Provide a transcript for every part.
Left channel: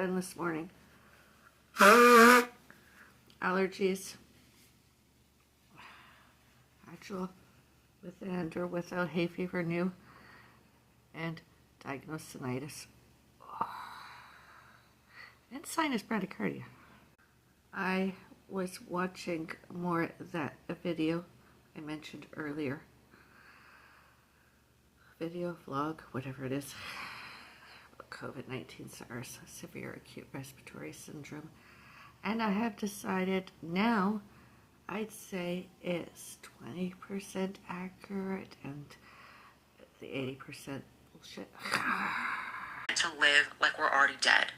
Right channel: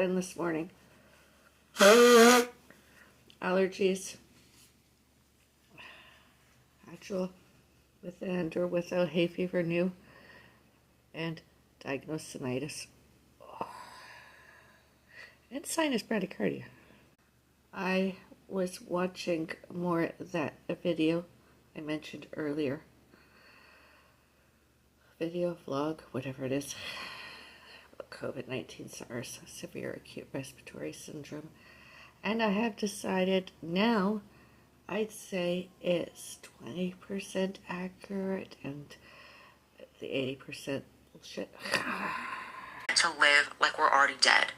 than this morning. Allergies. Actual with and or without hay fever new. And diagnosed tinnitus. And sinus bradycardia. I was watching more that video I mentioned earlier. Video, vlog, whatever it is. COVID-19 SARS, severe acute respiratory syndrome. And I have decided now, I'd say it's 20% accurate and the 80% bullshit. To live like we're already dead.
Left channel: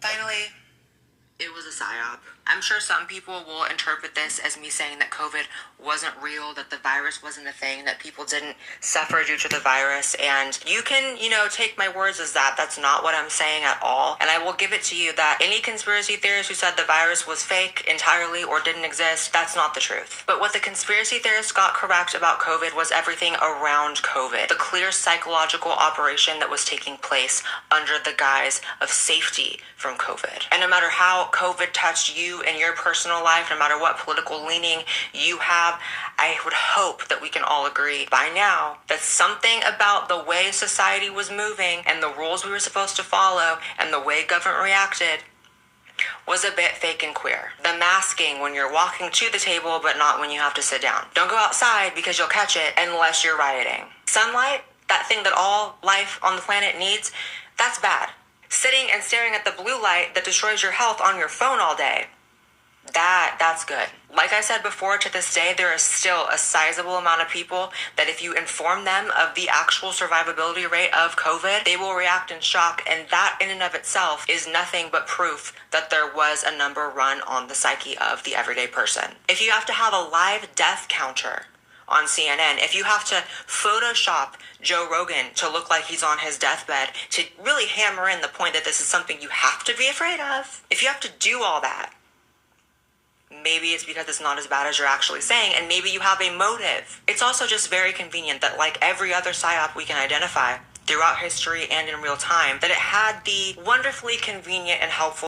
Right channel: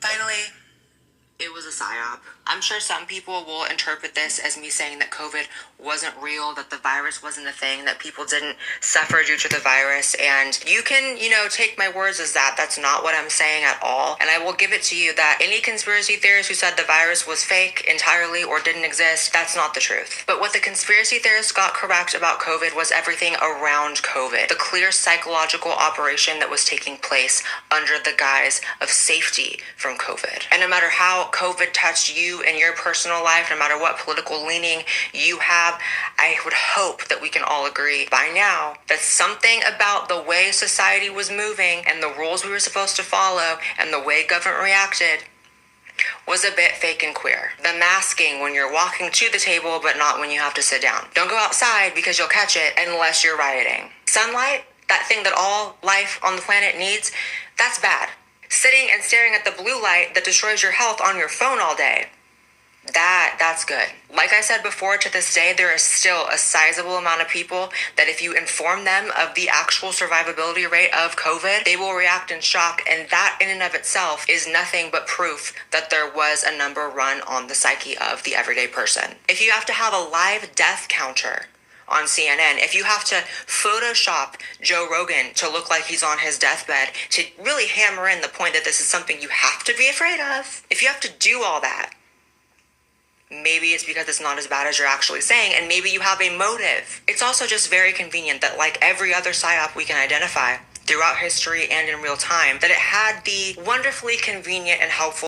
Finally, it was a psyop. I'm sure some people will interpret this as me saying that COVID wasn't real, that the virus wasn't a thing, that people didn't suffer due to the virus. And you can, take my words as that. That's not what I'm saying at all. And I will give it to you that any conspiracy theorist who said the virus was fake entirely or didn't exist, that's not the truth. But what the conspiracy theorists got correct about COVID was everything around COVID. The clear psychological operation that was taking place under the guise of safety from COVID. And no matter how COVID touched you in your personal life, no matter what political leaning you have, I would hope that we can all agree by now that something about the way society was moving and the rules we were supposed to follow and the way government reacted was a bit fake and queer. The masking when you're walking to the table but not when you have to sit down. Don't go outside because you'll catch it unless you're rioting. Sunlight, that thing that all life on the planet needs, that's bad. Sitting and staring at the blue light that destroys your health on your phone all day, that's good. Like I said before, to this day, there is still a sizable amount of people that if you inform them of the actual survivability rate of COVID, they will react in shock. And that in and of itself is nothing but proof that there was a number run on the psyche of the everyday person. If you have to have a live death counter on CNN, if you have to Photoshop Joe Rogan to look like he's on his deathbed to really hammer in the point that this is something you have to be afraid of, if you have to do all that, maybe it's because it's not as bad as you're actually saying, and maybe you have a motive. It's also just very convenient that, like every other psyop we can identify throughout history and in real time, that it had the wonderfully convenient and helpful